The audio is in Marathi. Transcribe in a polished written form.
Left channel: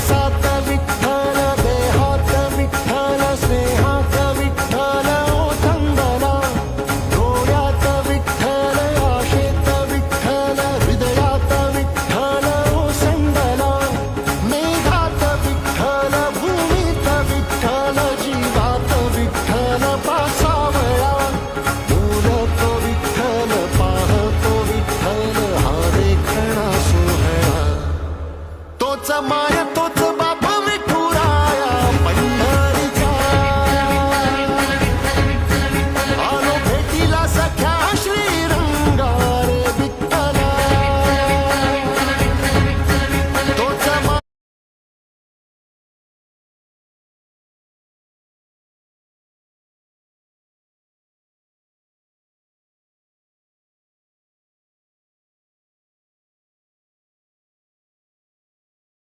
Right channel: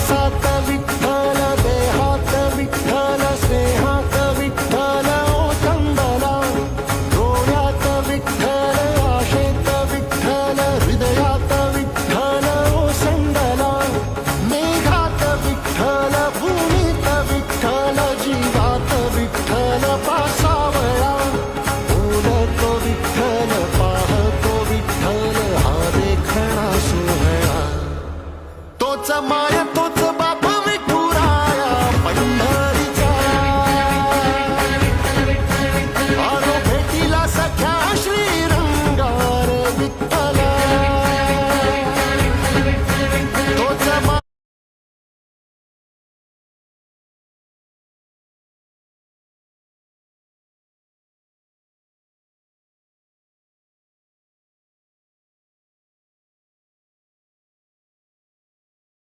श्वासात विठ्ठल, देहात विठ्ठल, स्नेहात विठ्ठल ओसंडला. डोळ्यात विठ्ठल, आशेत विठ्ठल, हृदयात विठ्ठल ओसंडला. मेघात विठ्ठल, भूमीत विठ्ठल, जीवात विठ्ठल पासावळा. बोलतो विठ्ठल, पाहतो विठ्ठल, हा देखणा सोहळा. तोच माय तोच बाप